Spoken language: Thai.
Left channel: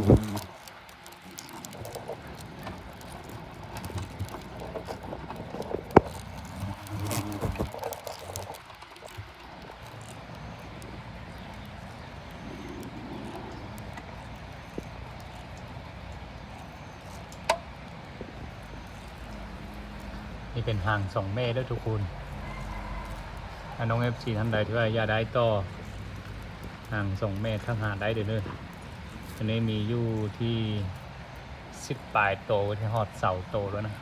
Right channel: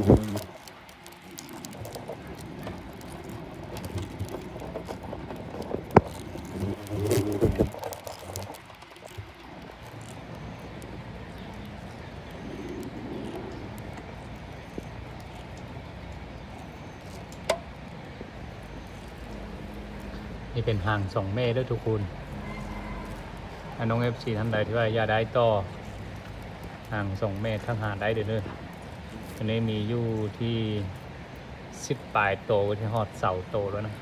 นี่เป็นห่าง2เมตรด้วยทุกคนน้อง FC ทั้งหลายว่าอย่าได้ต่อห่าง2เมตรทั้งห่างได้เด้ออันนี้มีอยู่ที่10ปลายโตถึงหอดเสาโตแล้วนะ